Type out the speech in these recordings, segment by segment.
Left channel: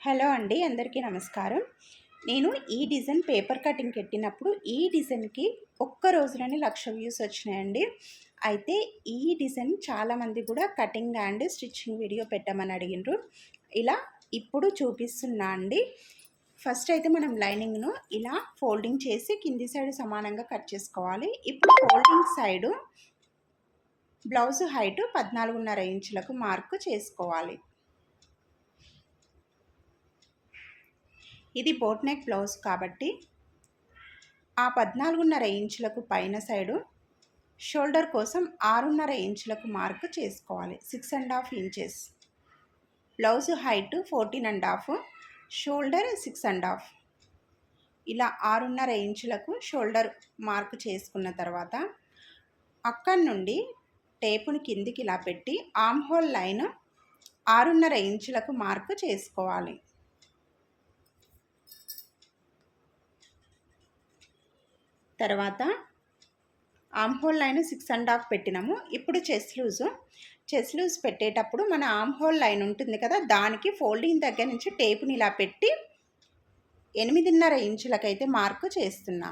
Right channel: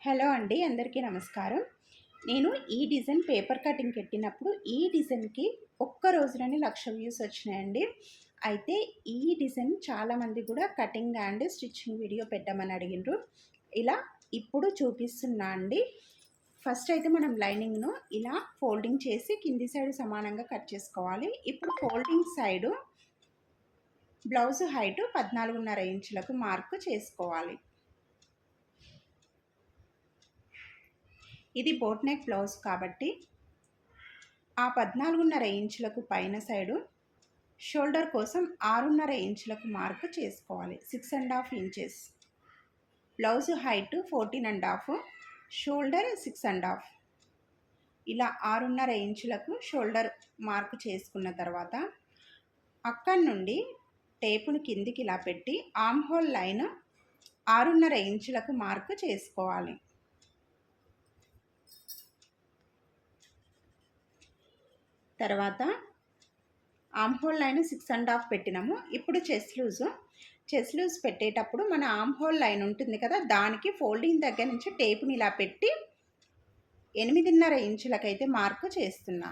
Hello అండి, అందరికీ నమస్కారం. నేను ఈ డిజైన్ పేపర్ కటింగ్ పెట్టినప్పుడు ఈ డిజైన్కి ఒక్క రోజులోనే 1,00,000 వ్యూస్ వచ్చినాయండి. అయితే ఈ డిజైన్ చాలామంది కూడా కటింగ్ అండ్ స్టిచ్చింగ్ వీడియో పెట్టమని అడిగినారు. ఇలా ఇప్పుడు చూపిస్తున్నా అండి. ఫస్ట్ అయితే మనం లైనింగ్ను ఇలా ఫోల్డింగ్ చేసి కింది సైడ్ సమానంగా కట్ చేసుకోవాలి. ఇప్పుడు ఫోల్డింగ్ సైడు బ్లౌజ్ హైట్ 14.5 ఇంచులకు మార్కు చేసుకోవాలి. ఇది బోట్ నెక్ బ్లౌజ్ కాబట్టి ఆ 14.5 ఇంచులకు పైన సైడు షోల్డర్ కోసం 6.5 ఇంచులకు మార్కు చేసుకోవాలి. 6.5 ఇంచెస్. Blouse height 14.5, shoulder 6.5. ఇలా 6.5 ఇంచులకు షోల్డర్ మార్కు చేసుకున్న తర్వాత అక్కడి నుండి టేపును కిందికి ఇలా పెట్టి ఆర్మ్ హోల్ లైన్ 6.5 ఇంచులకు మార్కు చేసుకోవాలి. తర్వాత ఆర్మ్ హోల్ లైన్ 6.5 పెట్టినాము. ఇప్పుడు చెస్ట్ లూజ్ పెట్టేటప్పుడు మన ఆర్మ్ హోల్ లైన్ ఉంటుంది కదా, దానికి ఫోల్డింగ్ దగ్గర నుంచి టేపుని ఇలా పెట్టి 8.5 ఇంచులకైతే మార్కు చేస్తున్నా.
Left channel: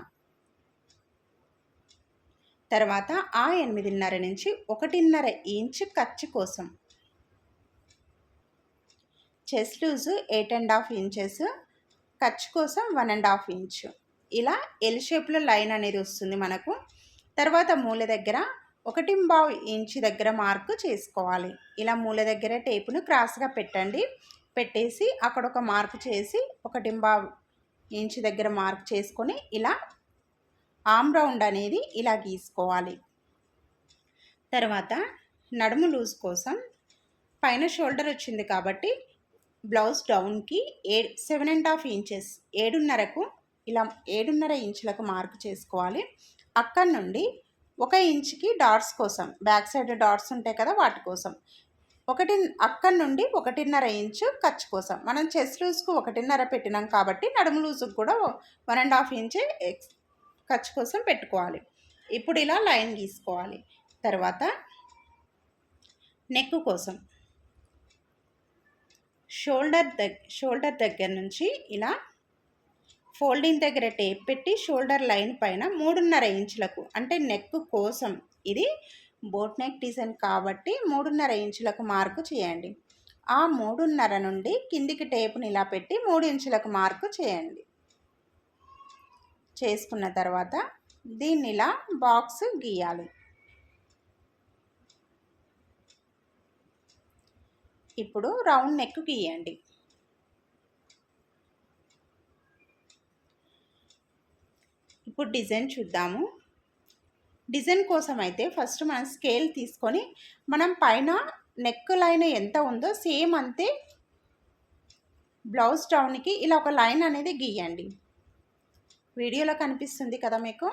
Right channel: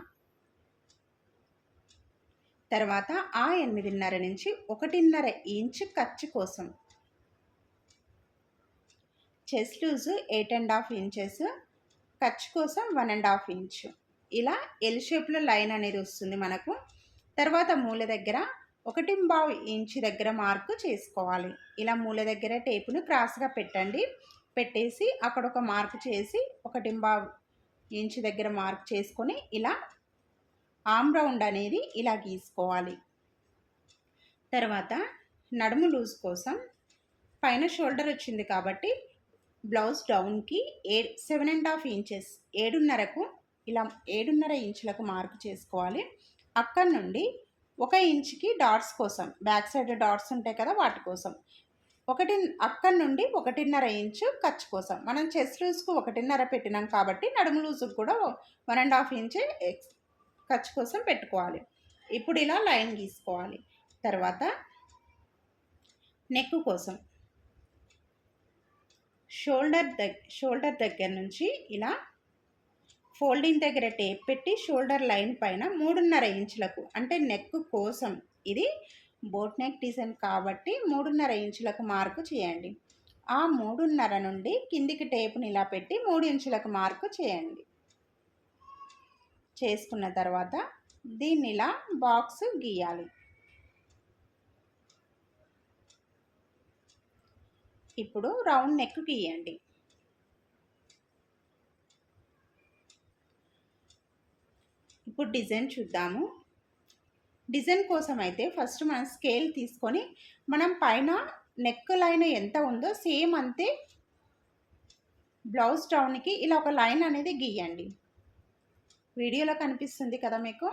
తర్వాత ఆ 8.5 నుంచి 1.5 ఇంచు ఖర్చు కోసం. చెస్ట్ లూజ్ 8.5 ఇంచెస్, ఖర్చు కోసం 1.5 ఇంచు. ఇలా ఎల్ షేప్లో లైన్ అనేది వస్తుంది మనకు. తర్వాత మూల దగ్గర 1.5 ఇంచు దగ్గర మార్కు చేసుకోవాలి. ఇలా మూల దగ్గర టేపును క్రాస్గా పెట్టండి. పెట్టేసి అక్కడ ఒక మార్కు చేసి 1.5 ఇంచు దగ్గర మార్క్ చేసుకొని ఇలా ఆర్మ్ రౌండ్ అనేది ఇలా గీసుకోవాలి. తర్వాత నడుము లూజ్ కోసం పైన షోల్డర్ వచ్చింది కాబట్టి బ్లౌజ్ డౌన్కి 7.5 ఇంచెస్ 7.5కు ఇలా 7.5 ఇంచులకు మార్కు చేసుకోవాలి. అక్కడి నుండి 1 ఇంచుకి డాట్స్ కోసం, బ్యాక్ సైడ్ డాట్స్ ఉంటాయి కదా, వాటి కోసం అక్కడి నుండి 1.5 ఇంచు ఖర్చు కోసం. మనం చెస్ట్ లూజ్కు 1.5 పెట్టినాం కాబట్టి నడుము లూజ్కి కూడా 1.5 ఇంచు ఖర్చు కోసం పెట్టుకోవాలి. ఇప్పుడు ఇలా లైన్ గీసుకోవాలి. తర్వాత నెక్ కోసం షోల్డర్ దగ్గర నుంచి ఇలా ఫోల్డింగ్ దగ్గర టేప్ పెట్టి షోల్డర్ లైన్ పైన 3.5 ఇంచులకు, అంటే నెక్ కోసం, ఇది బోట్ నెక్ డిజైన్ కాబట్టి 3.5 ఇంచులకు మార్కు చేయండి. ఆ 3.5 నుండి కిందికి టేపుని ఇలా పెట్టి 3 ఇంచులకు మార్కు చేయండి. చేసుకున్న తర్వాత దీన్ని ఇలా బాక్స్ గీయాలి. ఇప్పుడు రౌండ్ నెక్ గీయండి. ఇప్పుడు డిజైన్ చూద్దాము. డిజైన్ కోసం అయితే ఫస్ట్ మనం స్కేల్ తీసుకొని మనం పైన నెక్ లైన్ ఎంత ఉందో సేమ్ అంతే బ్లౌజ్ డౌన్కి ఇలా ఒక లైన్ అనేది గీయండి. వీడియోలో కనిపిస్తుంది కదా మీకు.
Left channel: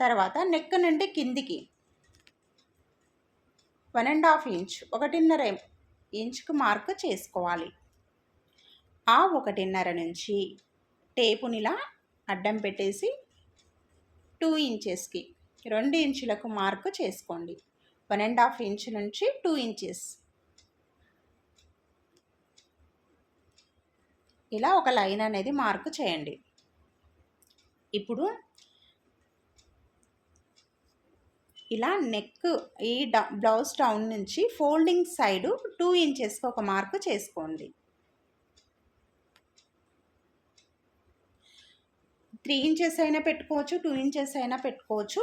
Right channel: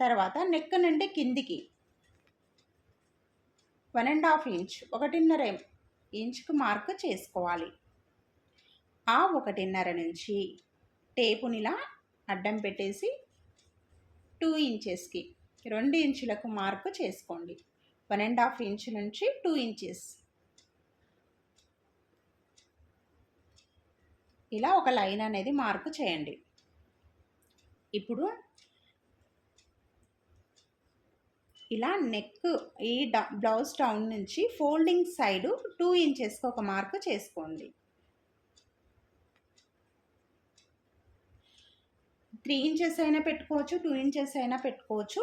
తర్వాత నెక్ నుండి కిందికి 1.5 ఇంచ్ 1.5 ఇంచుకు మార్కు చేసుకోవాలి. ఆ 1.5 నుంచి టేపునిలా అడ్డం పెట్టేసి 2 ఇంచెస్కి 2 ఇంచులకు మార్కు చేసుకోండి. 1.5 ఇంచు నుంచి 2 ఇంచెస్ ఇలా ఒక లైన్ అనేది మార్కు చేయండి. ఇప్పుడు ఇలా నెక్ ఈ బ్లౌజ్ డౌన్ నుంచి ఫోల్డింగ్ సైడు 2 ఇంచెస్కి ఒక మార్కు చేసుకోండి. 3 ఇంచెస్ అయినా పెట్టుకోవచ్చు, 2 ఇంచెస్ అయినా పెట్టుకోవచ్చు.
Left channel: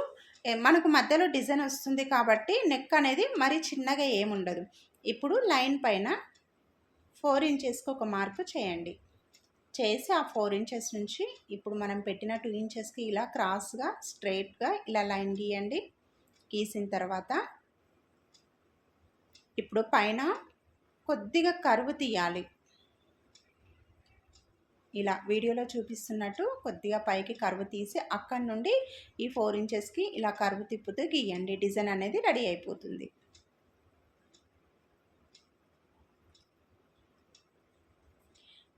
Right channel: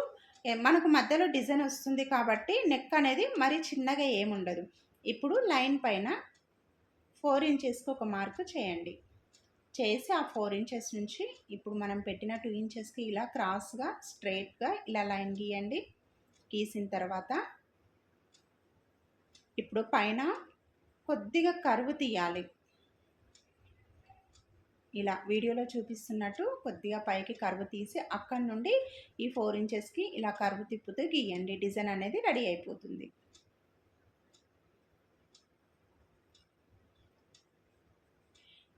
మనకు మధ్యలో డిజైన్ వస్తుంది కాబట్టి నెక్ అనేది మరీ చిన్నగా ఏముండదు. ఇప్పుడు లైన్ పైన 4 ఇంచెస్కి ఒక మార్కు చేయండి. చేసి ఆ 4 ఇంచెస్ నుంచి ఇప్పుడు మనం పెట్టిన 2 ఇంచెస్కి ఇలా క్రాస్గా స్ట్రైట్గా ఇలా లైన్ గీయండి. గీసిన తర్వాత ఇప్పుడు పైన కొద్దిగా కర్వ్ తీయాలి. ఇలా వీడియోలో చూపిస్తున్నట్టు కొద్దిగా పైకి కర్వ్ తీసి అక్కడి నుండి ఈ 4 ఇంచెస్కి ఇలా కర్వ్ తిప్పుతూ గీయండి. డిజైన్ అనేది రెడీ అయిపోతుంది.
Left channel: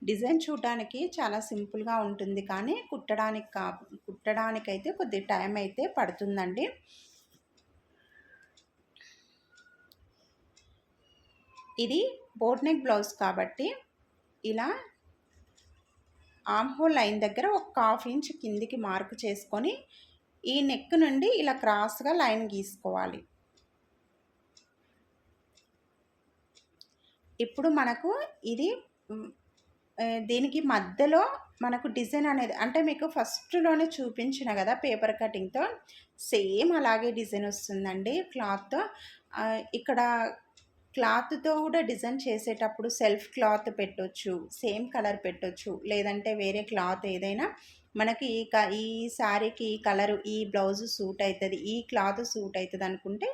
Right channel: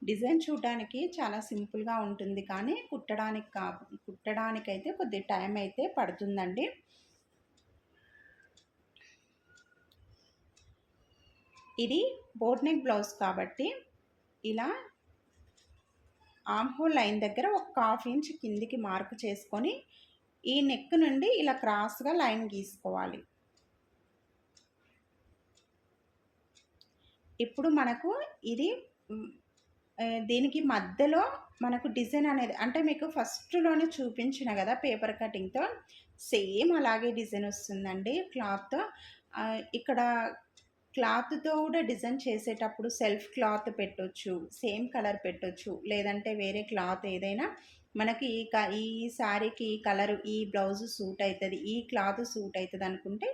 డిజైన్ చూడడానికి చాలా సింపుల్గా ఉంటుంది, కానీ కుట్టడానికైతే కొద్ది టైం అయితే పడుతుందండి. ఇది బోట్ నెక్ బ్లౌజ్ కాబట్టి ఇలా ఆర్మ్ హోల్ లైన్ దగ్గర ఒక 1/2 ఇంచ్ కిందికి మార్క్ చేసుకొని ఈ నెక్ నుండి ఇలా క్రాస్గా లైన్ గీసుకోవాలి. ఇప్పుడు మనకు ఇది దీనికి మధ్యలో మనకు డిజైన్ అనేది అంటే మీకు ఫస్ట్లోనే చూపించిన కదా పేపర్ కటింగ్తో సేమ్ అలాగే డిజైన్ వస్తుందండి క్లాత్. ఇక్కడ క్లాత్తో కూడా డిజైన్ చేసేటప్పుడు సెల్ఫ్ క్లాత్ పెట్టొచ్చు, సేమ్ కలర్ పెట్టొచ్చు, లేదంటే వేరే క్లాత్ ఏదైనా మనకి ఈ శారీకి ఈ కలరు ఈ బ్లౌజ్ సూట్ అవుతుంది, ఈ క్లాత్ సూట్ అవుతుంది అనుకుంటే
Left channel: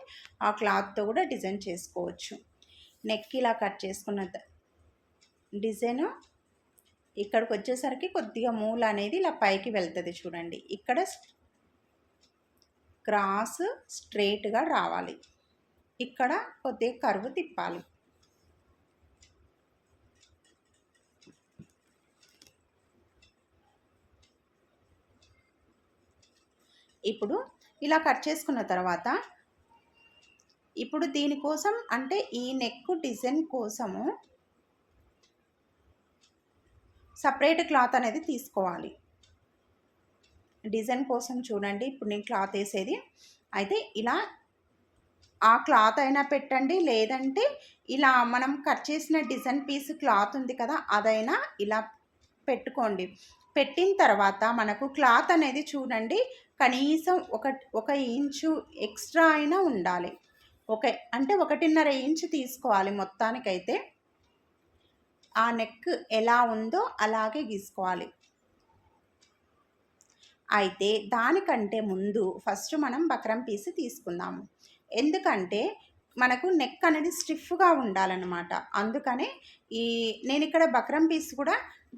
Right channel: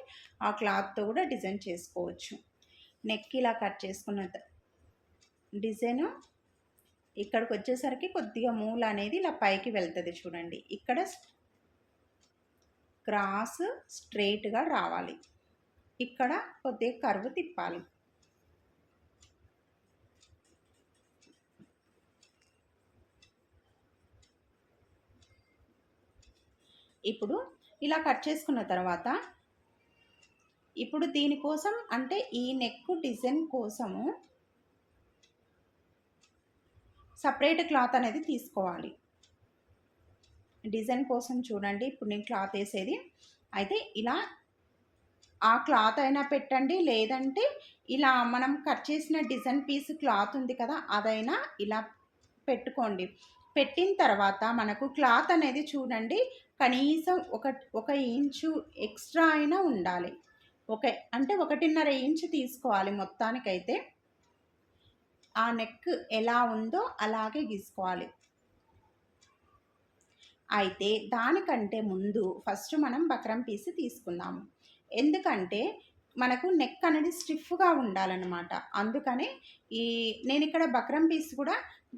ఆ క్లాత్తో కూడా డిజైన్ చేసుకోవచ్చు. నెక్ ఇలా కట్ చేసుకున్న డిజైను ఇక్కడికి వచ్చేసరికి కొద్దిగా మూల అనేది ఇలా పైకి వెళ్తుంది చూడండి. ఇక్కడ క్రాస్ స్ట్రైట్గా రావాలి, ఇక్కడ కొద్దిగా కర్వ్ తిప్పాలి. ఇప్పుడు ఇలా కట్ చేసుకున్న తర్వాత ఇప్పుడు దీనికోసం అంటే ఈ నెక్ డిజైన్ కోసము సపరేట్ క్లాత్ అనేది తీసుకోవాలి. డిజైన్ కోసం చూడండి ఇప్పుడు నేను క్లాత్ వేసేది అయితే ఇలా ఆ క్లాత్ అయినా పెట్టండి, లేదంటే ఇలా మనం కట్ చేసిన డిజైన్ పీస్ క్లాత్ ఉంది కదా అదైనా ఇలా పెట్టుకోండి. పెట్టిన తర్వాత మనకు క్లాత్ అనేది చూడండి కనీసం ఒక ఇంచు ఎక్స్ట్రా అయినా ఉండాలి. అంటే 1.5 ఇంచు తీసుకోవాలి మొత్తానికైతే. ఆ నెక్ ఎలా ఉందో అలాగే గీసుకోవాలి. అయితే దానికంటే ముందు ఫస్ట్ మనం బక్రం పీస్ తీసుకుందాము. ఎందుకంటే మనకు నెక్ అనేది స్టిఫ్గా ఉండాలన్నమాట. అందుకనే నేను ఇక్కడ బక్రం పీస్ కూడా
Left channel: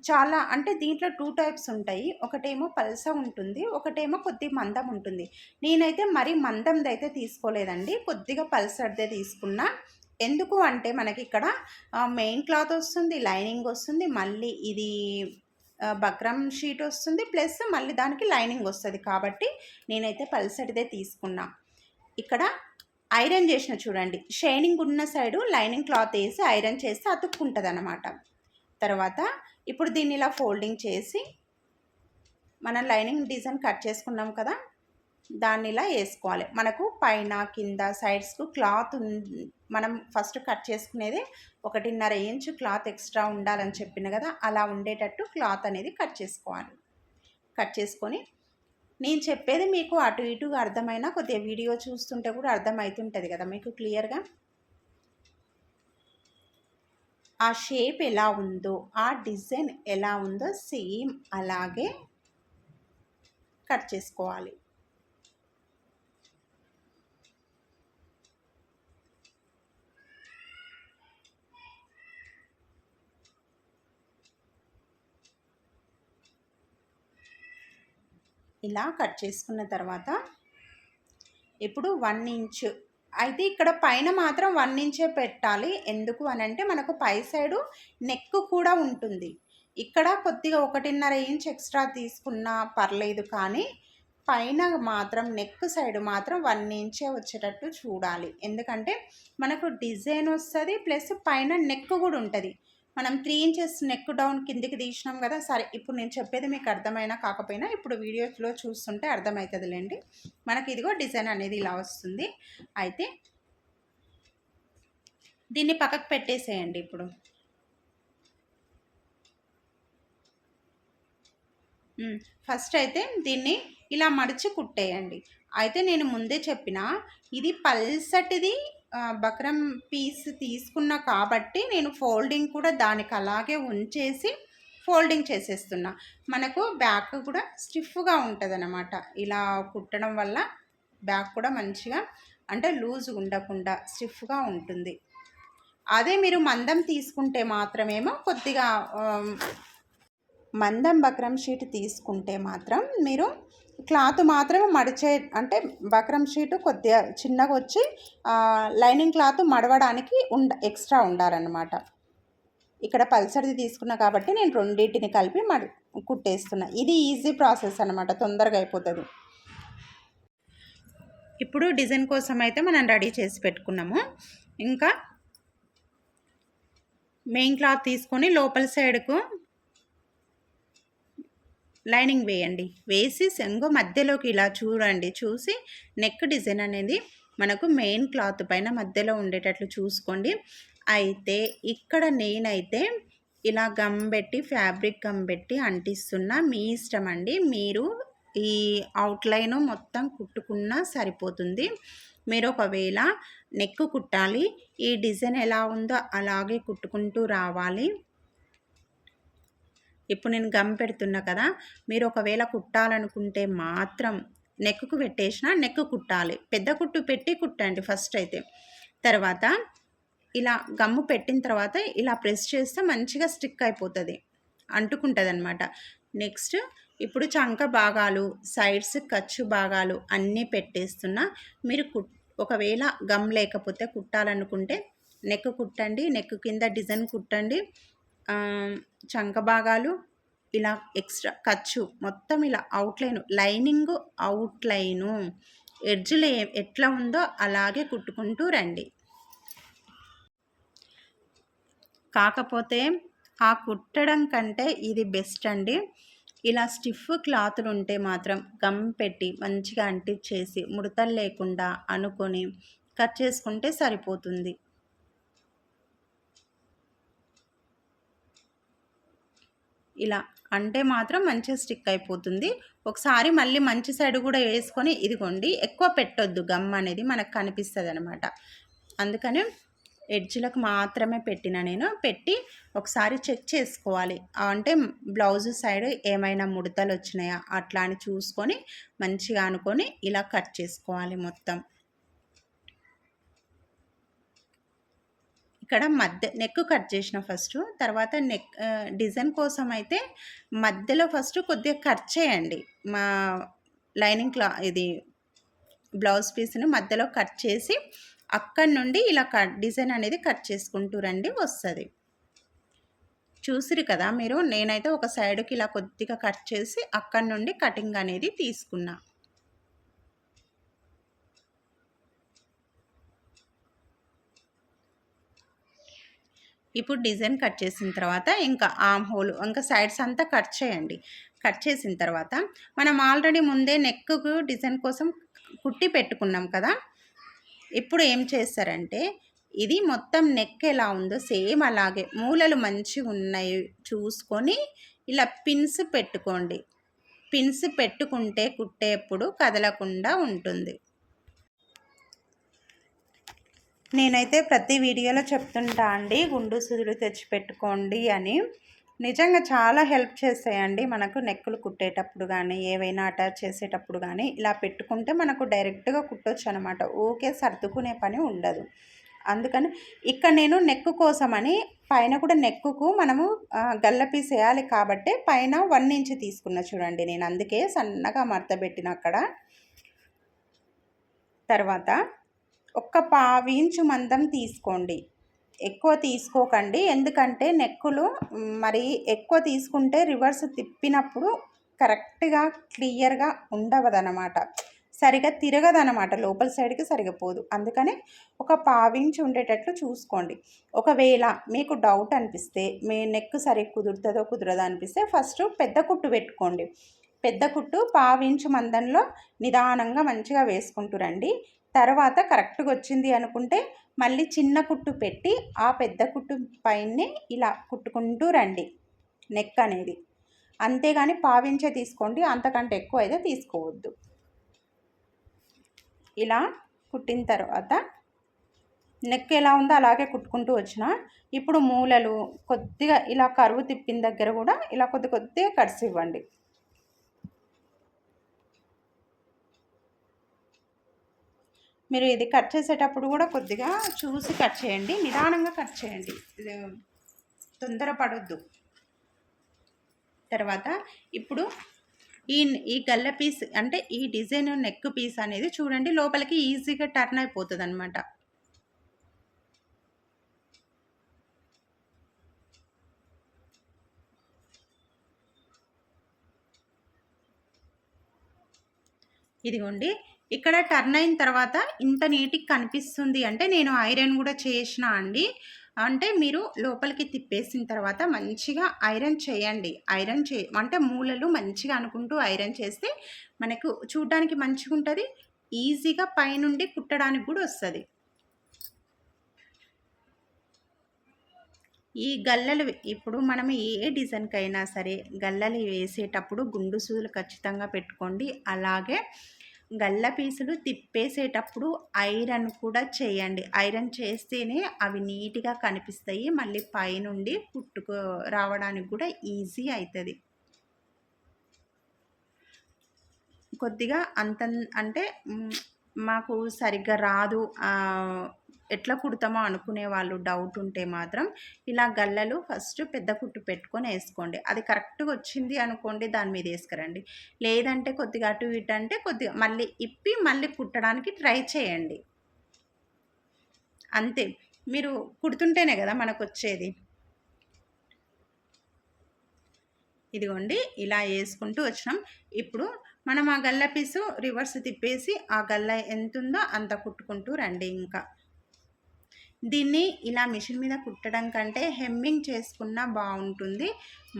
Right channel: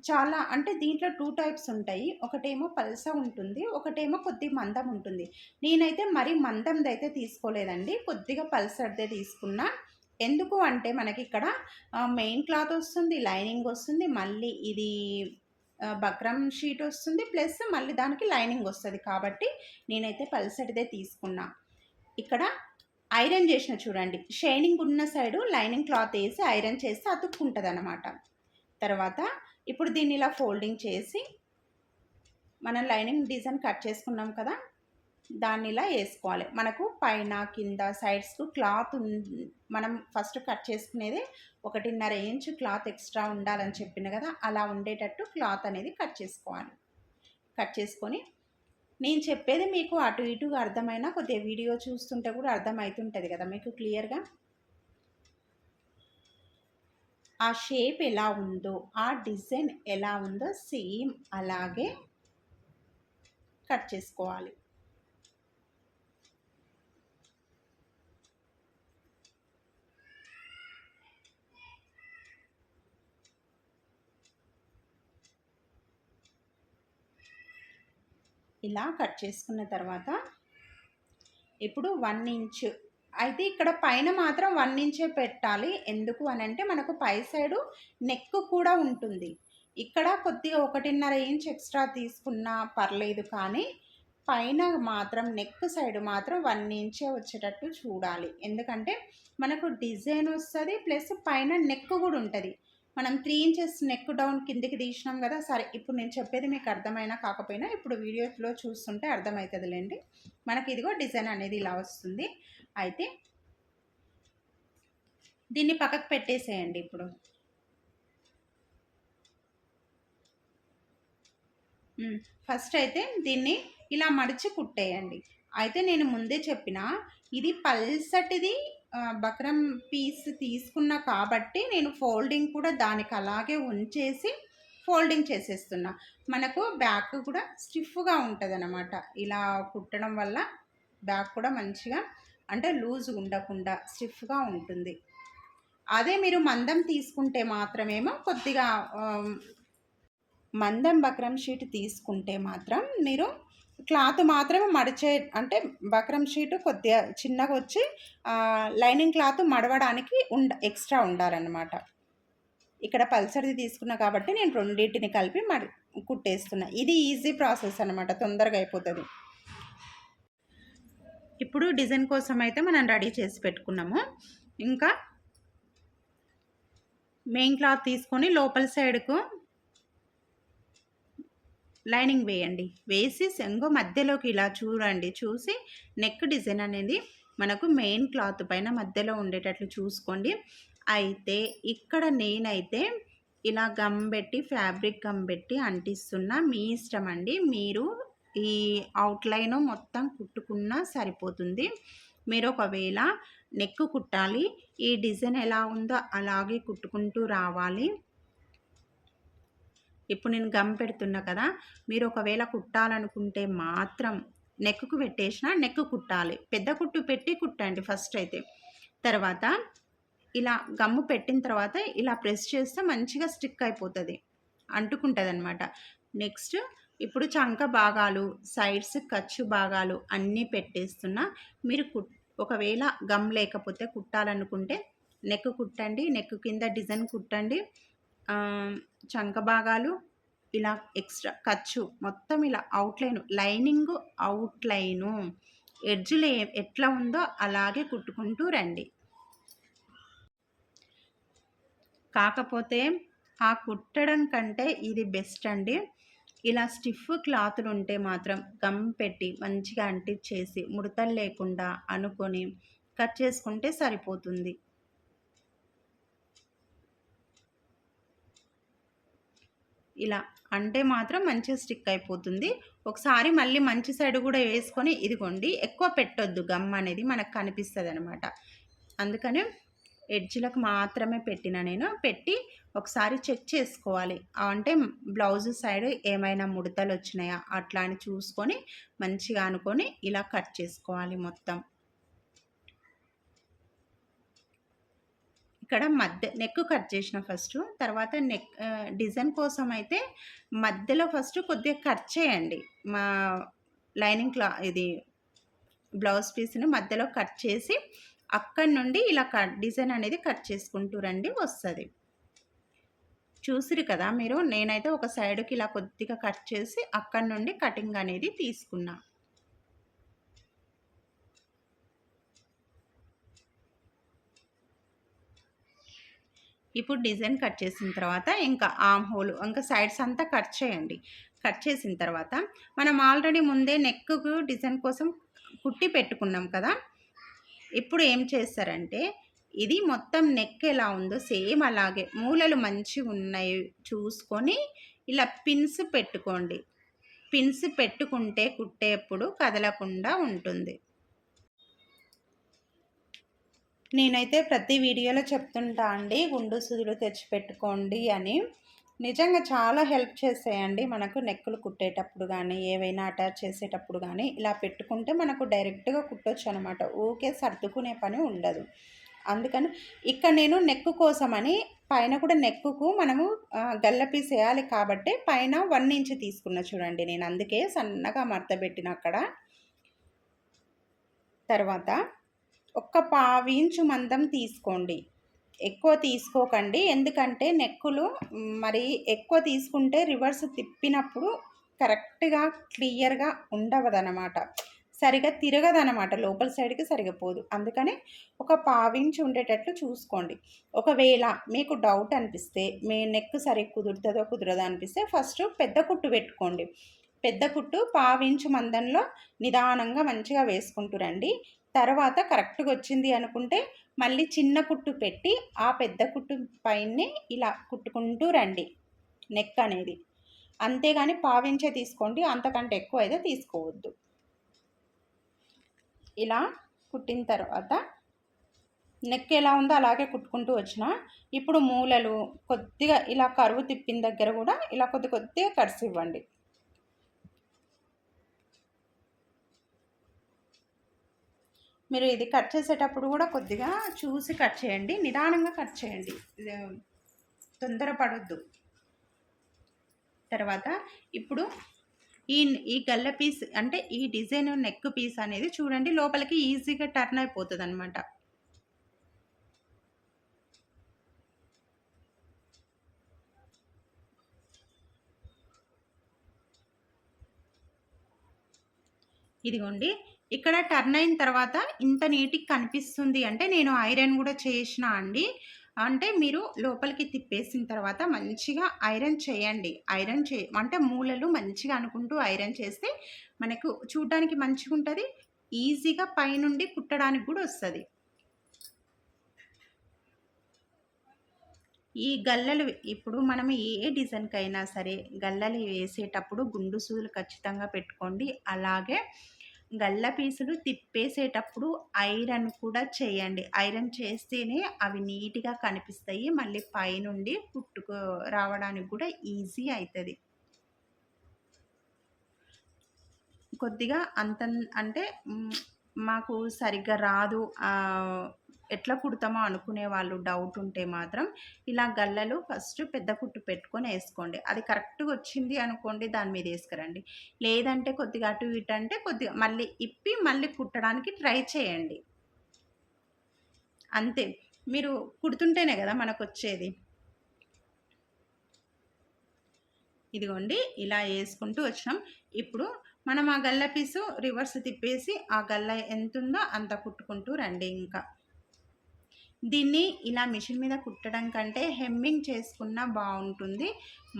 చాలా అంటే దీంట్లో 2 టైప్స్ ఉంటాయి. ఒకటేమో పల్స ఉంటుంది, ఒకటేమో కొద్దిగా మందం ఉంటుంది. నేనైతే మరీ మందంది అయితే తీసుకోలేదండి, కొద్దిగా పల్సర్దే తీసుకున్నా. ఎందుకు అంటే మనకి ఇక్కడ మెయిన్ క్లాత్ వస్తుంది, లైనింగ్ వస్తుంది, మళ్ళీ ఇది బక్రం షీట్ వస్తుంది, ప్లస్ మళ్ళీ దానికి లైనింగ్ వస్తుంది. కాబట్టి నేనైతే పల్సటిదే తీసుకున్నా. ఇక్కడ ఐరన్ చేసిన చూడండి, షైనింగ్ ఉన్న సైడు లైనింగ్ క్లాత్ వేసి ఐరన్ చేస్తే అతుక్కుంటుంది అన్నమాట. తర్వాత ఇప్పుడు దీన్ని ఇలా ఫోల్డింగ్ చేసి మనం లైనింగ్ డిజైన్ కట్ చేసుకున్నాం కదా దాన్ని ఇలా వేసుకోవాలి. మనకు పైన కింద సైడ్స్కు క్లాత్ మనం ఫస్ట్ కట్ చేసుకునేది 1.5 ఇంచు క్లాత్ ఎక్స్ట్రా ఉండాలని చెప్పిన కదా అలా ఉండేటట్టు క్లాత్ అనేది కట్ చేసుకోవాలి. కట్ చేసుకొని నేను చెప్పేది మీకు అటు ఇటుగా అర్థమైనా కొద్దిగా వీడియో చూస్తుంటే కూడా అర్థమవుతుంటుంది కదా మీకు క్లియర్గా. ఆ షేప్ ఎలా ఉందో ఆ డిజైన్ ఎలా ఉందో సేమ్ అలాగే కట్ చేసుకోవాలి. ఇలా కట్ చేసుకున్న తర్వాత ఇప్పుడు 1 ఇంచు అయితే ఇక్కడ పైన మాత్రం 1 ఇంచే పెట్టాలి. ఎందుకు అని అంటే మనకు పై సైడు నెక్ కూడా ఉంటుంది. ఇక్కడ కొద్దిగా 1.5 ఇంచ్ ఎక్స్ట్రా తీసుకున్నా పర్లేదు, కానీ పైన మాత్రం నెక్ సైడ్ మాత్రం 1 ఇంచే వచ్చేటట్టు చూడాలి. ఎందుకంటే మనకు డిజైన్ వస్తుంది, ప్లస్ పైన నెక్ కూడా ఉంటుంది. మనం 3 ఇంచెస్ నెక్ డౌన్ కిందికి తీసినాం కదా. సరే ఇప్పుడు నేను చెప్పేది మీకు అర్థమైనా కాకపోయినా ఇప్పుడు వీడియోలో చూస్తుంటే అర్థమవుతుందిలేండి. మనకి ఇదిగో డిజైన్ అనేది ఇలా వస్తుంది. అయితే దీన్ని పక్కకు పెట్టేసేయండి. ఇప్పుడు ఫస్ట్ అయితే దీన్ని ఇలా మడిచి కుట్టేయండి. అయితే నేను ముందే చెప్పిన ఇది పల్సటిది బక్రం పీస్ తీసుకున్నా కాబట్టి నేను ఫోల్డింగ్ కూడా దానికి అలాగే ఉంచేసి ఫోల్డింగ్ చేసేస్తున్నా. మనకు బ్యాక్ కూడా స్టిఫ్గా ఉంటుంది అన్నమాట. ఇలా కుట్టడం వల్ల బ్యాక్ కూడా మంచిగా అంటే లూజ్ ఉండకుండా స్టిఫ్గా ఉంటుంది. అదే మీరు మందం తీసుకుంటే మాత్రమేమో కొద్దిగా మందం బక్రం షీట్ తీసుకుంటే మాత్రం మీరు క్లాత్ మాత్రమే మడిచే అంటే బక్రం షీటు కొద్దిగా చిన్నగా వచ్చి లైనింగ్ క్లాత్ మడవడానికి ఎక్స్ట్రా ఉండాలన్నమాట. ఇక్కడ పల్సర్ది తీసుకున్నా కాబట్టి నేను రెండింటిని కలిపి కుట్టేస్తున్నా. ఇది ఈజీ ప్రాసెస్ అనమాట, తొందరగా అయిపోతుంది. ఇప్పుడు డిజైన్ కోసం అయితే మనం రెడీ చేసి పెట్టుకున్నాము. ఇంకా మెయిన్ క్లాత్ తీసుకొని లోపల సైడ్కు లైనింగ్ వేయండి. వేసి సెంగో మధ్యలోకి ఇలా చూడండి. చూసి నెక్ డిజైన్ అనేది మనకు మెయిన్ క్లాత్ పైన మధ్యలో ఉండేటట్లు చూసుకోండి. అయితే ఇక్కడ నేనైతే ఇలా గమ్ పెట్టి ఫ్యాబ్రిక్ గమ్ పెట్టి అంటిస్తున్నా. మీ ఇష్టం అండి. మీరు ఈ అవుట్లైన్ మొత్తం కుట్టుకున్నా సరిపోతుంది. మీరు ఒకవేళ నెక్ కుట్టాలి, ఈ డిజైన్ ఎలా ఉందో అలాగే కుట్టుకుంటూ రావాలి. ఇప్పుడు నేను గమ్ పెడుతున్నా కదా, మీరు ఒకవేళ కుట్టాలనుకుంటే మాత్రం నెక్కు పెట్టేసిన నెక్ కుట్టాలి. పెద్ద కుట్టు పెట్టి కుట్టండి ఫస్ట్ అయితే. తర్వాత ఇలా గమ్ము పెట్టిన తర్వాత ఇలా ప్రెస్ చేస్తే మంచిగా స్టిక్ అయిపోతుంది, అంటుకుంటుంది అనమాట. నెక్స్ట్ ఇప్పుడు చంక భాగాలు, సైడ్స్ ఖర్చు భాగాలు అన్నీ పెట్టేస్తున్నా. మీరు ఒకవేళ గమ్ లేకపోతే కుట్టాలనుకుంటే నెక్ కుట్టండి, నెక్ కింద డిజైన్ కుట్టండి. చంక భాగాలు ఇలా ఎక్స్ట్రా ఖర్చు మొత్తం ఇలా అవుట్లైన్, లైనింగ్ అవుట్లైను ఎడ్జ్లు ఎట్లా ఉందో అలాగే కుట్టుకుంటూ రండి. కాకపోతే ఆ కుట్టడం కంటే ఇది బెస్ట్ అండి. ఇలా స్టిఫ్ క్లాతులు ఉంటే మాత్రం గమ్ పెట్టి మంచిగా అంటించేసి ముడతలు లేకుండా అనుకొని కట్ చేసుకుంటే సరిపోతుంది. ఇలా అంటే మాత్రం మంచిగా స్టిక్ అయిపోతుంది. ఒకసారి మళ్ళీ మంచి సైడ్ కూడా వేసుకొని ఇదిగోండి, ఎక్కువ పెట్టొద్దు, గమ్ అనేది మనకు కనిపిస్తుంది అనమాట. అందుకని ఎడ్జ్లకు మాత్రమే పెట్టిన నేను. పెట్టి ఒకసారి చెక్ చేసుకోవాలి. అంటే బ్లౌజ్ సైడ్ ఏమైనా ముడతలు వచ్చినాయా అట్లా అని చూసుకొని మంచిగా అనుకొని ఇలా కట్ చేసుకోవాలి మొత్తం. ఇక్కడ నెక్ కట్ చేసిన ఫస్ట్. తర్వాత నెక్ డిజైన్ కోసం అయితే మధ్యలో ఫస్ట్ కొద్దిగా కట్ చేయండి. మా లైనింగ్ ఇది బ్లౌజ్ పీస్ని మధ్యలో కట్ చేసి అక్కడి నుండి ఇలా డిజైన్ అనేది కట్ చేసుకుంటూ రండి, వస్తుంది. చూసిరు కదా మీరు. నేనైతే ఒక సైడ్కి ఇలా కొద్దిగా కట్ చేసి అక్కడి నుండి కటింగ్ అనేది తీసుకున్నా. ఇప్పుడు డిజైన్ కట్ చేసిన తర్వాత ఇంకా ఆర్మ్ హోల్ ఇంకా సైడ్స్ అంతా కట్ చేయండి. కట్ చేసిన తర్వాత మనం ఆల్రెడీ ముందే నెక్కు డిజైన్ కోసం కుట్టి పెట్టుకున్నాం కదా. ఇప్పుడు ఏం చేస్తారంటే ఇది మొత్తం నెక్ ఎలా ఉందో సేమ్ అలాగే మూలలు మంచిగా ఉన్నాయి చూసుకొని ఇలా పిన్స్ పెట్టుకోండి. పిన్స్ పెట్టుకుంటే కుట్టేప్పుడు కదలకుండా ఉంటుంది. నేనైతే ప్రతి వీడియోలో చెప్తుంటా అండి, గుండు సూదులు తెచ్చిపెట్టుకోండి అని. నిజంగా చాలా హెల్ప్ చేస్తాయండి మనకు నెక్కులు కుట్టేటప్పుడు కానీ ఏవైనా అటాచ్ చేసేటప్పుడు కానీ ఇలా పెట్టుకుంటే మనకు డైరెక్ట్గా కుట్టొచ్చు అనమాట. ఊకే సర్దుకునే పని ఉండదు. అందుకని ఇక్కడ నేను నెక్కు కోసమని పైన కూడా నెక్కుకు మనము గల్ల పీస్ వేయాలి కాబట్టి పైన 1 ఇంచ్ తీసుకున్నా చూడండి. నేను అందుకే సన్నగా మడత పెట్టిన అక్కడ. తర్వాత ఒక్క 1/2 ఇంచు మందం తీసుకోండి, ఎక్కువ తీసుకోకండి. ఎందుకంటే నెక్కులు మరి ఎక్కువ తీసుకుంటే రివర్స్ తిప్పినప్పుడు కరెక్ట్గా క్లియర్గా ఉండవదనమాట, సరిగా తిరగదనమాట, లోపల సైడ్కి సరిగా పోదు. అందుకని ఒక 1/2 ఇంచు ఉండేటట్లు చూసుకోండి. ఒకవేళ మీకు డౌట్ అనిపిస్తే మీ నెక్ సరిగ్గా కుదురుతుందో కుదరదో అనిపిస్తే ఫస్ట్ పెద్ద కుట్టు పెట్టుకోండి. పెద్ద కుట్టు 1/2 ఇంచు మందంలో నిదానంగా మంచిగా వేసుకుంటూ రండి. తర్వాత కరెక్ట్గా వచ్చింది అనుకుంటే మళ్ళీ చిన్న కుట్టు పెట్టి ఆ పెద్ద కుట్టు పైనే ఇలా కుట్టుకుంటూ రండి నెక్ అనేది. అంతేగాని 1/2 ఇంచే తీసుకోండి, అంతకంటే ఎక్కువ అయితే తీసుకోవద్దు. ఇలా కుట్టిన తర్వాత నెక్ ఎలా ఉందో అలాగే కుట్టుకుంటూ వచ్చిన. ఇప్పుడు మూలలు కొద్దిగా ఇలా కరువు తిప్పిన దగ్గర కూడా ఇలా కొద్దిగా కట్స్ ఇవ్వండి. మీరు ఇది కట్ చేసేటప్పుడు కూడా కొద్దిగా చూసి కట్ చేయండి, నిదానంగా కట్ చేయండి, తొందరపడొద్దు. తర్వాత ఇప్పుడు ఈ గల్ల పీస్ అంటే ఈ డిజైన్ నెక్ పీస్ అనేది చూడండి లోపలికి ఈజీగా టర్న్ అయిపోతుంది అనమాట. ఇదిగోండి ఇక్కడ టర్న్ అయిన తర్వాత ఇంత నీట్గా కనిపిస్తుంది అంటే నేను ఐరన్ కూడా చేసిన అండి. అంటే మీరు లోపలికి తిప్పేసిన తర్వాత మంచిగా ఐరన్ చేయండి. అంటే మూలలు మంచిగా అనుకుంటూ ఐరన్ చేస్తే మనకు చూడ్డానికి మంచిగుంటది. ఈజీగా పైనుండి కుట్టడానికి గూడా వస్తది. ఈ గల్లలు ఇప్పుడు మనం ఏ డిజైన్‌కైనా సరే గల్లలు వేసేటప్పుడు గుండు సూదులు ఖచ్చితంగా పెట్టుకోండి. అలాగే గల్ల పీసులు తిప్పేసేటప్పుడు ఐరన్ కూడా చేయండి. ఐరన్ చేస్తేనే అవి నీట్‌గా కనిపిస్తాయి. మళ్ళీ పైనుండి రావడానికి కూడా ఈజీ అయితది. కొద్దిగా అంటే మాకు సరిగ్గా రాదు, ఎట్లా కుడతామో అనుకునే వాళ్ళు డౌట్ ఉంటే మాత్రం ఇలా గల్లలు ఫస్ట్ పెద్ద కుట్టు పెట్టుకొని వేసుకోండి. అది కరెక్ట్‌గా వచ్చింది అనుకోండి, దాని మీద వేసుకురండి. లేదంటే కొద్దిగా అటు ఇటు అంటే కొద్దిగా మళ్ళీ ఇప్పి మళ్ళీ కుట్టడానికి ట్రై చేయండి. అంతే. మీరు కుడుతుంటేనే కదా మనకొచ్చేది. ఇదిగోండి ఇలా వేసుకుంటూ వచ్చినాం. ఇప్పుడు మనం ఆ గల్ల పీసు రివర్స్ తిప్పేసి ఆ గల్ల ఎంతుందో అంత కుట్టుకుంటూ రండి. ఇంకా దీన్ని ఇలా మిషన్ మీద కుట్టడం కంటే హెమ్మింగ్ చేసుకున్నా బాగుంటుంది.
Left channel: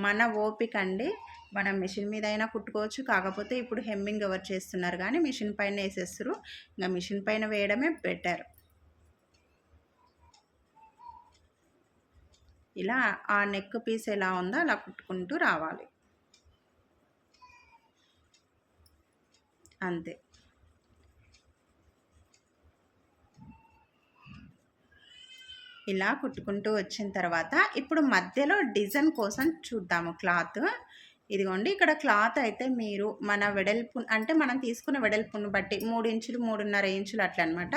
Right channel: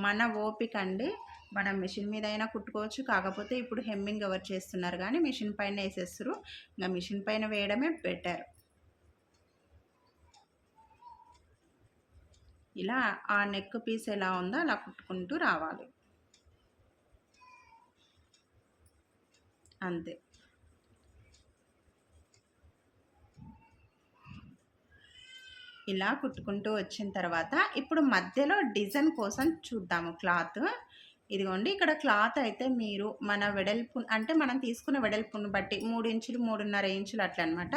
మన ఓపిక అండి. మనం మిషన్ మీద అయినా కుట్టుకోవచ్చు. కాకపోతే ఇప్పుడు హెమ్మింగ్ ఎవరు చేస్తున్నారు కానీ మిషన్ పైన వేసేస్తారు. ఇంకా మిషన్ పైన వేయడమే బెటర్. ఇలా ఆ నెక్ పీస్ ఎలా ఉందో అలా కుట్టుకుంటూ రావాలి. అంతే. ఇలా కుట్టుకుంటూ వచ్చిన తర్వాత ఇప్పుడు మధ్యలో డిజైన్ కోసం చూద్దాము క్లాత్. ఇదిగోండి ఇక్కడ క్లాత్ అయితే మీరు మన వెడల్పు అంటే మనం తీసుకున్న వెడల్పును బట్టి 3 ఇంచులు 3.5 ఇంచులు అట్లా అనమాట.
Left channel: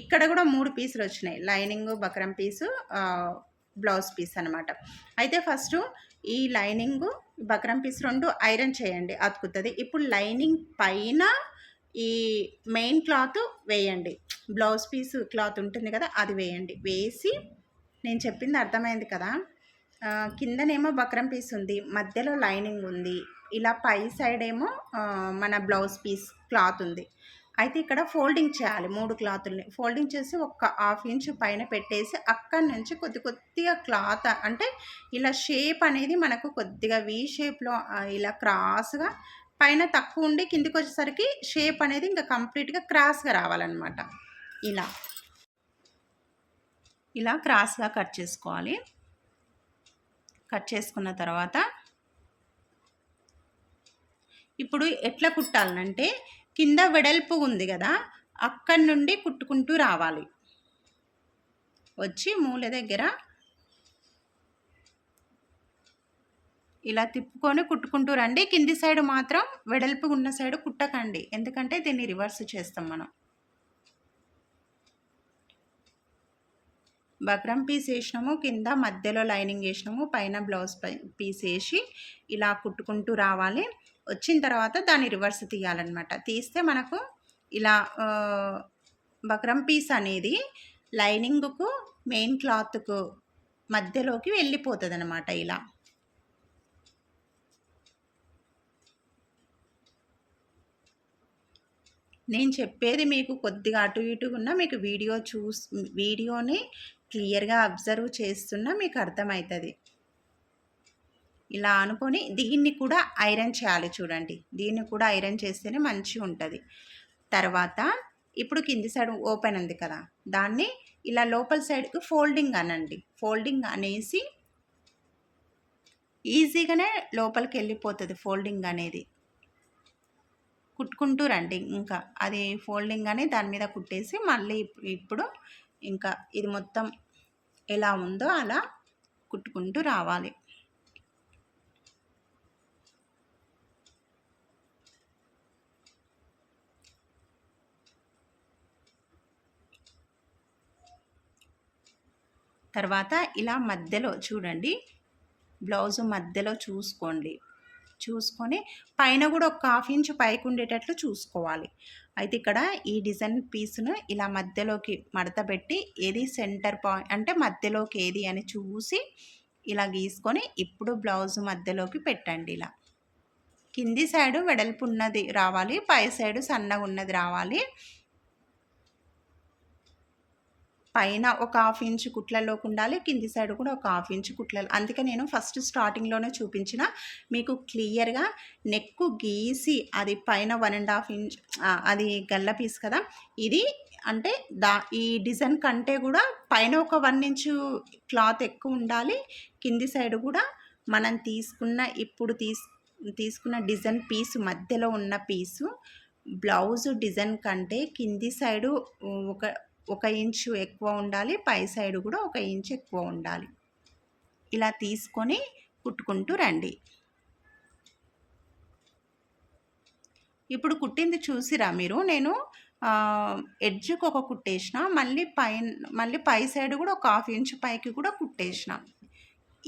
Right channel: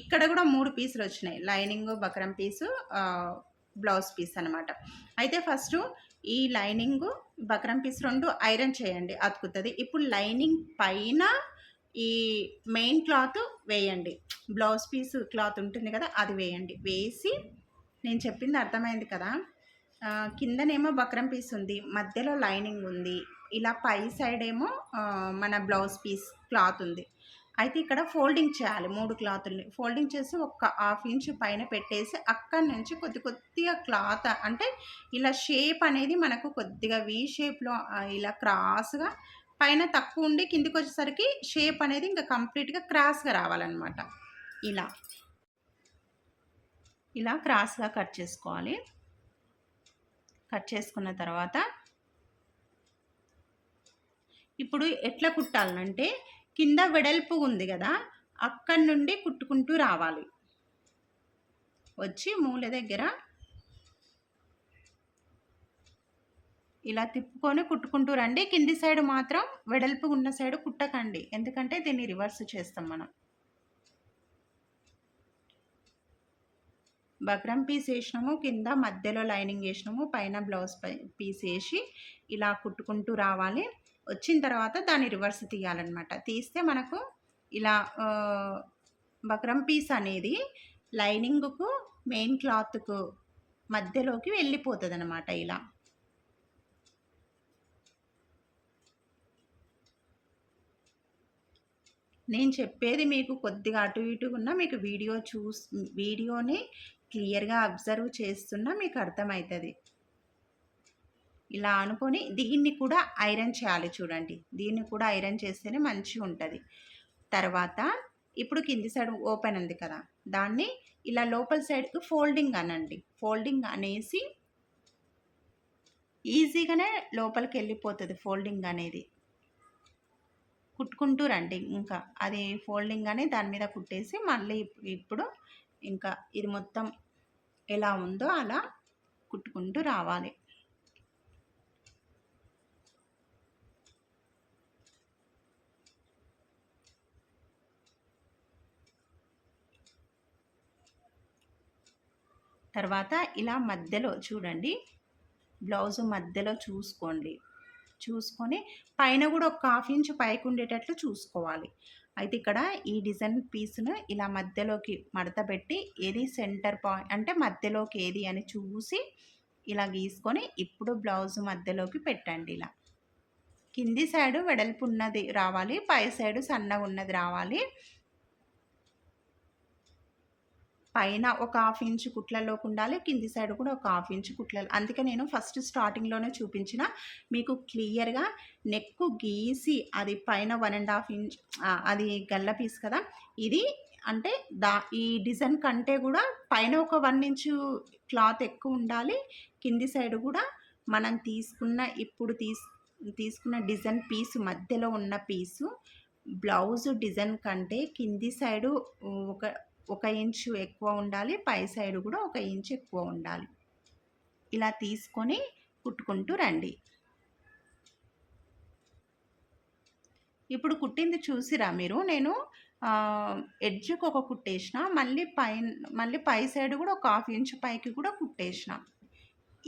ఇక్కడ కూడా 3 పీసులు వచ్చినాయి. లైనింగ్ బక్రం పీసు, బ్లౌజ్ పీస్ అనమాట. అయితే ఫస్ట్ ఈ లైనింగ్ బక్రం పీస్ 2 ఐరన్ చేయండి, అతుకుతుంది. ఇప్పుడు లైనింగ్ పైన ఈ మెయిన్ క్లాత్ వేయండి. బ్లౌజ్ పీస్ క్లాత్ ఉంటుంది కదా, అది వేయండి. వేసి నేను చెప్పింది అర్థమైంది కదా. కిందనేమో బక్రం పీస్ ఉంది, మధ్యలో లైనింగ్ ఉంది, ఇలా పై సైడ్ ఏమో మన బ్లౌజ్ పీస్ క్లాత్ ఉంది. అయితే ఇక్కడ ఫోల్డింగ్ చేయాలి 3 క్లాతుల్ని. ఫోల్డింగ్ చేసి ఒక 1/2 ఇంచు పైన పెట్టేసి అక్కడి నుంచి కొద్దిగా క్లాత్ అంటే ఇలా షేప్ అనేది మనకు కొద్దిగా వీ షేప్లో ఇలా క్రాస్గా పైన తక్కువ ఉండి కిందికి వచ్చేసరికి షేప్ అనేది ఇంకా కంప్లీట్గా క్రాస్గా రావాలన్నమాట. ఇలా క్రాస్గా కట్ చేసుకోవాలి. కట్ చేసుకున్న తర్వాత ఇప్పుడు ఎట్లా కుట్టాలంటే కింద వెడల్పు ఉంది కదా, అక్కడి నుండి కుట్టుకుంటూ రావాలి. వచ్చి మూల దగ్గర ఇలా తిప్పుకొని కుట్టుకుంటూ రండి. కింది సైడ్ మాత్రం వెడల్పు ఉన్న సైడ్ కుట్టకండి, ఎందుకంటే దీన్ని రివర్స్ చేస్తాం మనం. బక్రం పీస్ వేసినాము, కింద మధ్యలో లైనింగ్ వేసినాము, పైన బ్లౌజ్ పీస్ వేసి ఇలా కుట్టుకుంటూ రావాలి. వచ్చిన తర్వాత దాన్ని రివర్స్ తీయాలన్నమాట. తీస్తే మనకు ఇలా బక్రం పీస్ అనేది లైనింగ్కు మెయిన్ క్లాత్కు మధ్యలోకి వెళ్ళిపోతుంది అన్నమాట. ఇలా నేను చెప్పేది మీకు కొద్దిగా అటు ఇటు ఉన్నా మీకు వీడియోని క్లియర్గా అబ్జర్వ్ చేస్తున్నా మీకు అర్థమవుతుంది. ఇలా అనుకొని దీన్ని కూడా ఐరన్ చేయాలి. చూడండి, దీన్ని కూడా ఐరన్ చేస్తేనే మంచిగా ఉంటుంది. తర్వాత ఇప్పుడు కింది సైడ్ ఓపెన్ ఉంది కదా, దాన్ని ఇలా లోపల సైడ్కి ఫోల్డింగ్ అనండి. ఫోల్డింగ్ అనేసి ఈజీగానే లోపలికి వెళ్ళిపోతుంది ఫోల్డింగ్ అనేది. కుట్టుకుంటూ రండి. ఇంకా అది ఫోల్డింగ్ అని దాని మీద కుట్టేసి మళ్ళీ ఇప్పుడు ఇంకా ఇది మొత్తం ఎలా ఉందో అలా కుట్టుకుంటూ రావాలి. తర్వాత ఇలా మధ్యలో చూడండి, బ్లౌజ్ మధ్యలో చూసుకొని పైన కూడా ఒక 1/2 ఇంచు పైకి ఉండేటట్లు చూసుకోవాలి. అయితే ఇక్కడ ఈ డిజైన్ పీస్ను ఇలా మధ్యలోకి మడత పెట్టి ఏది సెంటర్ పాయింట్ అంటే మధ్యలోకి ఏది అని చూసి ఇలా గీసుకొని ఇప్పుడు బ్లౌజ్ మధ్యలోకి పెట్టండి. ఇలా కింది సైడు వెడల్పు ఉన్నది రావాలి, పై సైడు సన్నగా ఉన్నది రావాలి. పైన ఒక హాఫ్ ఇంచ్ కుట్లలోకి ఉండాలి, కింది సైడ్ కూడా ఒక హాఫ్ ఇంచ్ కుట్లలు. అందుకే నేను ఫస్ట్ స్టార్టింగ్లోనే చూపించిన మీకు క్లియర్గా నెక్ గీసి అది పైన 1.5 ఇంచ్ అది గల్ల పీస్ కదా ఇది. అంటే ఈ డిజైన్ కంటే కూడా పైన ఒక 1 ఇంచు క్లాత్ ఎక్కువ ఉండాలి, కింది సైడ్ కూడా మనం తీసుకున్న డిజైన్ పీసు మధ్యలో ఉన్న పీసు బ్లౌజ్ డిజైన్ కంటే కింది సైడు ఒక ఇంచు ఎక్కువ ఉండాలి, పై సైడు కూడా 1 ఇంచు ఎక్కువ ఉండాలి. ఇలా తీసుకొని కుట్టుకుంటూ రండి. ఇప్పుడు కుట్టింది చూసిరా మీరు, నేను ఎడ్జ్కి ఒక కుట్టేసిన, మళ్ళీ పై సైడ్ కూడా ఒక హాఫ్ ఇంచ్ పైకి కూడా కుట్టేసిన.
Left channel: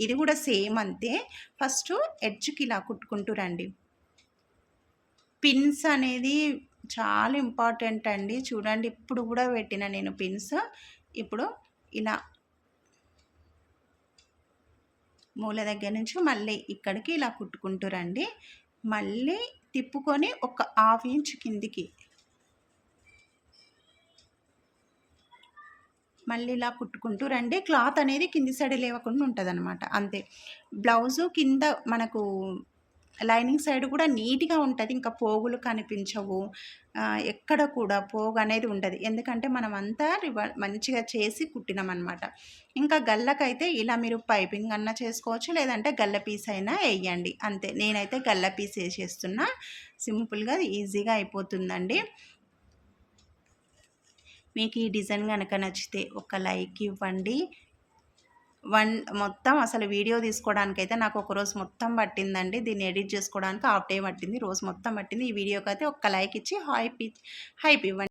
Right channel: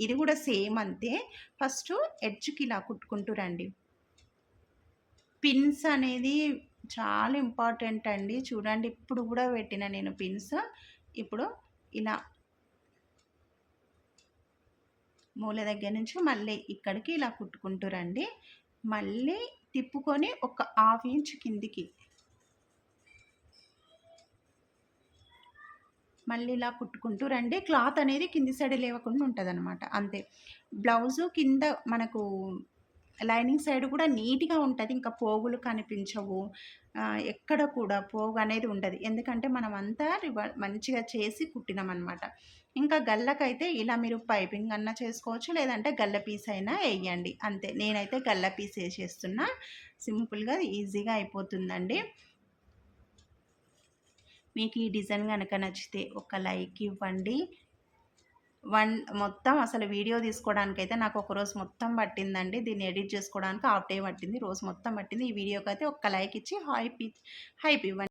ఇది కూడా సేమ్ అంతే. ఫస్ట్ ఎడ్జ్కి ఇలా కుట్టుకుంటూ రండి. పిన్స్ అనేది చాలా ఇంపార్టెంట్ అండి. చూడండి ఇప్పుడు కూడా పెట్టిన నేను పిన్స్. ఇప్పుడు ఇలా మూల దగ్గర నుంచి మళ్ళీ ఇక్కడికి ఇలా కుట్టుకుంటూ రండి. మళ్ళీ తిప్పుకొని ఒక హాఫ్ ఇంచ్ కిందికి మళ్ళీ ఇలా కుట్టుకుంటూ రండి. క్లాత్ అనేది కింది సైడ్ లేవకుండా ఉంటుంది అనమాట, అంతే. బ్లౌజు కింద మనకు లైనింగ్ సైడ్ కూడా నీట్గా ఉంటుంది, ఇంకా పోగులు కనిపించవు, ఎక్కడ కూడా పోగు అనేది ఉండదు. ఎందుకంటే మనం అంతా మంచిగా చేసి కుట్టినాం అనమాట. ఇంకా గల్లకైతే ఇలా మీరు పైపింగ్ అన్నా చేసుకోవచ్చు, లేదంటే గల్ల పీస్ అయినా వేయండి, అంతే. నేనైతే గల్ల పీస్ వేసేస్తున్నా, సింపుల్గా ఈజీగా అయిపోతుందండి. మీకు ఈ డిజైన్ కనుక నచ్చితే ఒక లైక్ ఇవ్వండి. మొత్తం అసలు వీడియో తీసుకోవడానికైతే నాకు ఒక రోజు మొత్తం పట్టిందండి. దీన్ని ఎడిట్ చేసుకోవడానికి హాఫ్ డే పట్టింది, రోజు మొత్తం పట్టింది. ఈ వీడియోకి అయితే ఒక్క లైక్ ఇచ్చి హైప్ ఇవ్వండి.